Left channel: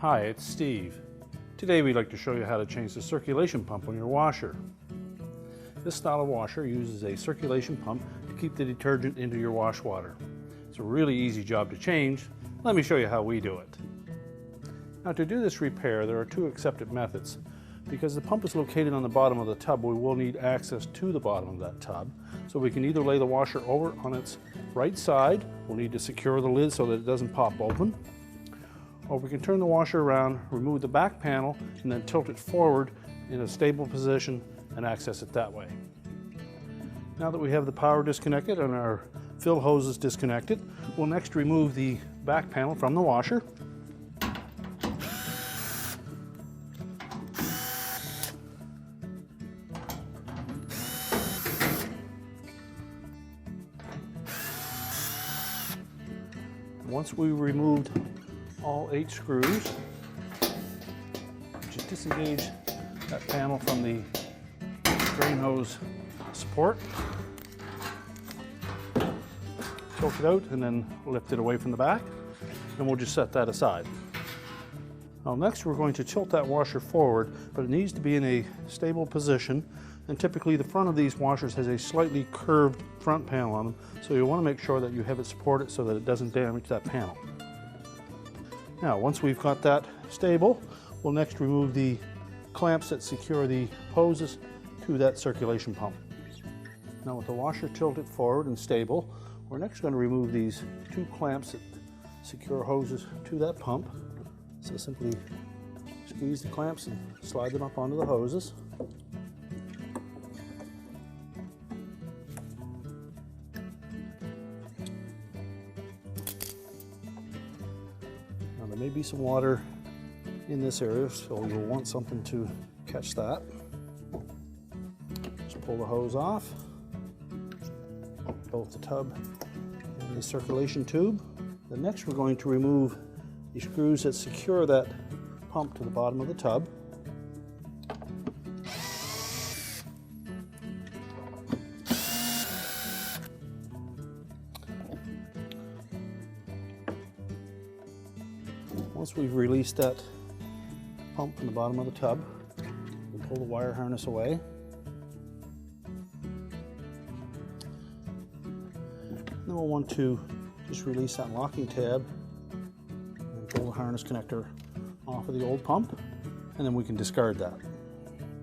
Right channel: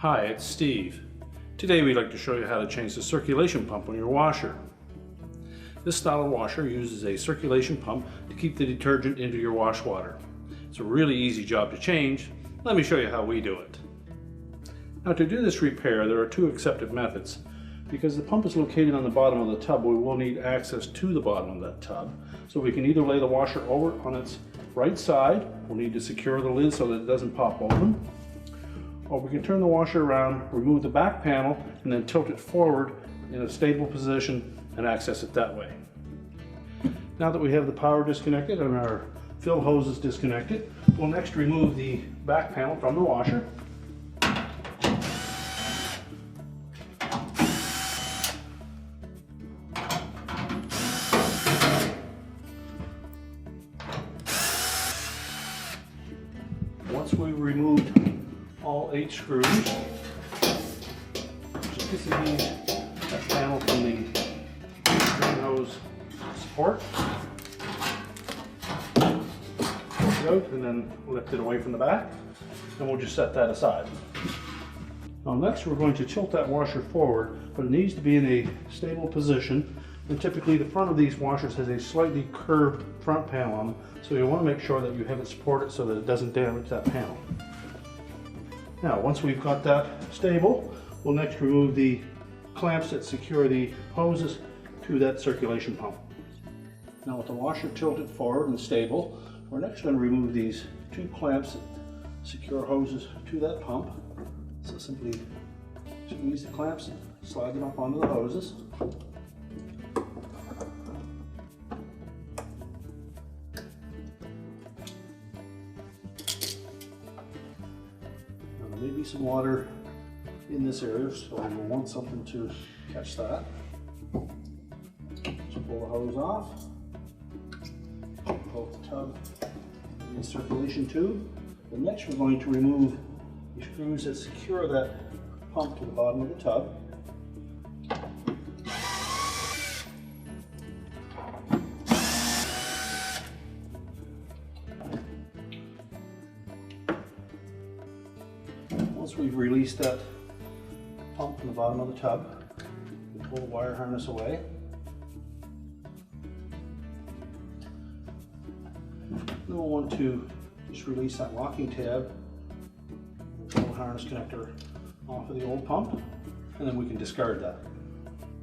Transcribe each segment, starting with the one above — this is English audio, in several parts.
Hi, it's Steve. Today we'd like to show you how to change the circulation pump on your washer. This style of washer uses a circulation pump to keep the detergent into your wash water. It's a really easy job to change. Let me show you how we do it. Now to do this repair, there are two accepted methods. Because the pump is located on the bottom of the tub, we will need access to the bottom of that tub. So we can either lay the washer over on its right side, we'll need to secure the lid so that it doesn't pop open, or we can turn the washer around, remove the back panel, and then tilt it forward in a stable position and access it that way. Now that we have the power disconnected and our fill hoses disconnected, we'll next remove the back panel from the washer. Once we've removed all 8 screws, just disengage that panel from the drain hose support, tilt it out, and then lift it away from the back, and we'll just set that aside. Now next we're going to tilt that washer forward, but it needs to be in a stable position, and typically the front of these washers has a slightly curved front panel on them, so you want to make sure that you have it supported so that it doesn't damage that panel. Now once we've got that stable, we'll next remove the clamps that secure the hoses to that circulation pump. Now with the washer tilted forward and stable, we're next going to remove these 2 clamps that secure hoses to that pump. So simply squeeze the clamps and slide them up onto the hoses. There may be some water in this area, so we'll want something to catch that. Just pull the hose off, both the tub and the circulation tube. Then next we're going to remove the screws that secure that pump to the bottom of the tub. Once we've released that pump from the bottom of the tub, we pull the wire harness away. Then we'll want to just release that locking tab and pull the harness connector off of the old pump, and then we can discard that.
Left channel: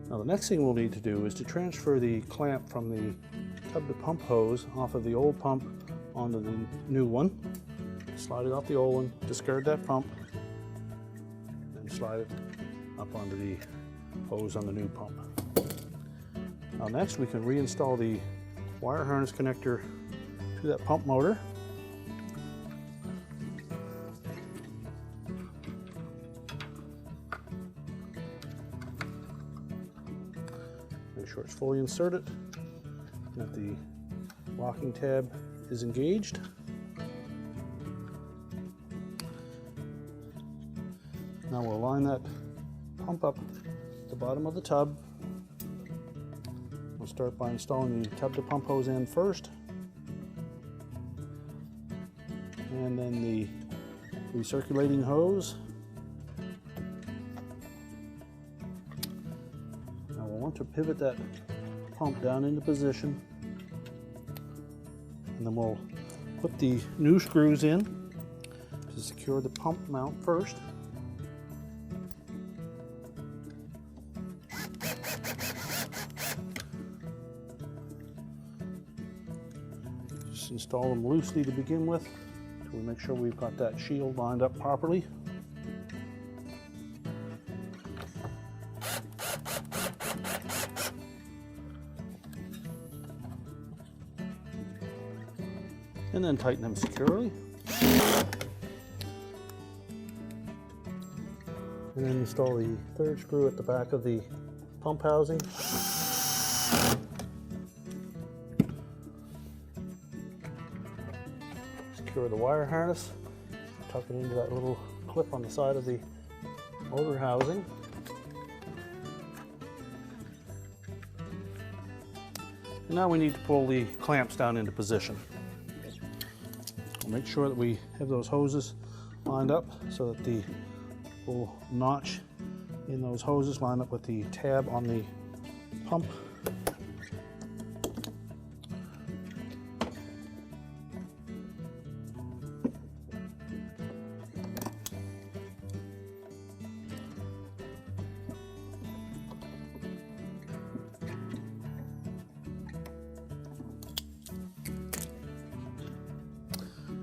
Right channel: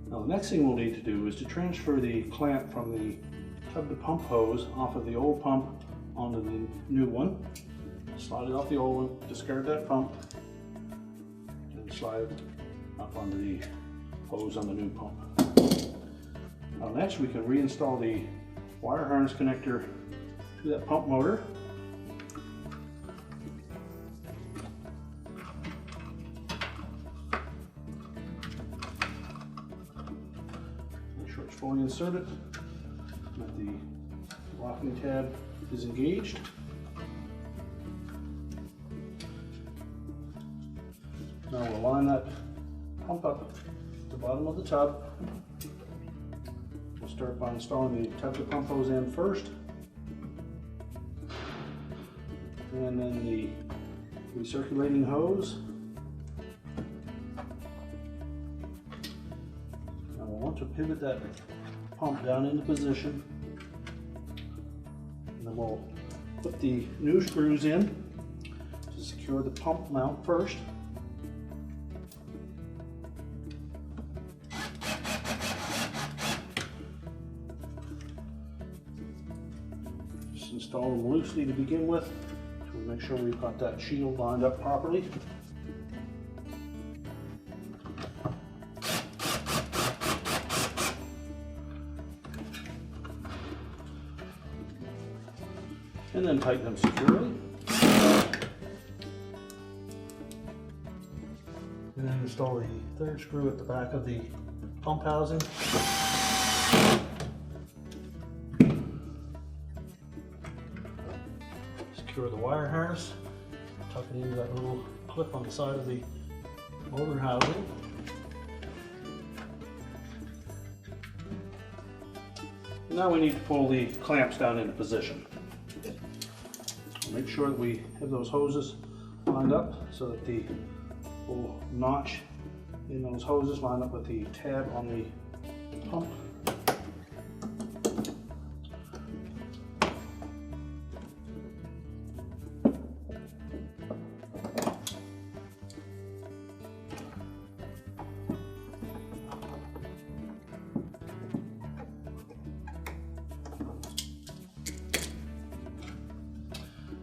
Now the next thing we'll need to do is to transfer the clamp from the tub to pump hose off of the old pump onto the new one. Slide it off the old one, discard that pump, and slide up onto the hose on the new pump. Now next we can reinstall the wire harness connector to that pump motor. Make sure it's fully inserted, that the locking tab is engaged. Now we'll line that pump up at the bottom of the tub. We'll start by installing the tub to pump hose end first, and then the recirculating hose. Now we'll want to pivot that pump down into position, and then we'll put the new screws in to secure the pump mount first. Install them loosely to begin with, to make sure we've got that shield lined up properly. And then tighten them securely. And then install the 3rd screw at the back of the pump housing. Secure the wire harness, tuck it into that little clip on the side of the motor housing. And now we need to pull the clamps down into position. Make sure that we have those hoses lined up so that the little notch in those hoses, line up with the tab on the pump.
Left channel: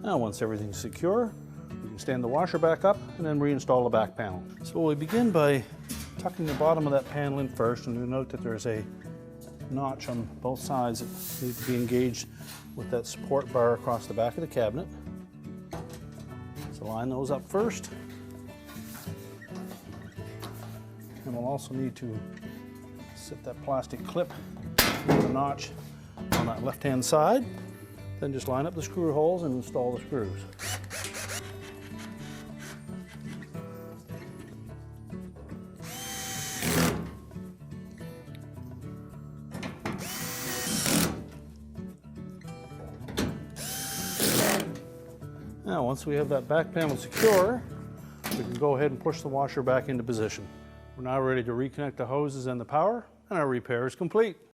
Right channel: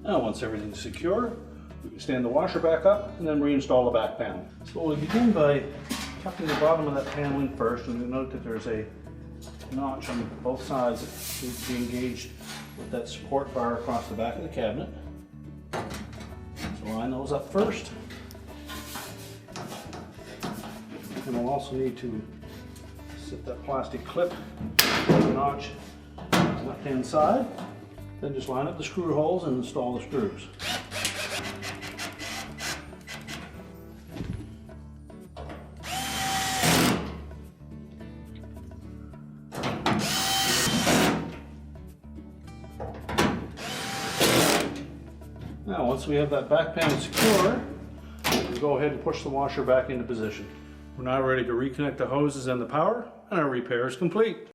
Now once everything's secure, you can stand the washer back up and then reinstall the back panel. So we'll begin by tucking the bottom of that paneling first, and you'll note that there's a notch on both sides that need to be engaged with that support bar across the back of the cabinet. So line those up first. And we'll also need to set that plastic clip with the notch on that left-hand side. Then just line up the screw holes and install the screws. Now once we have that back panel secure, we can go ahead and push the washer back into position. We're now ready to reconnect the hoses and the power, and our repair is complete.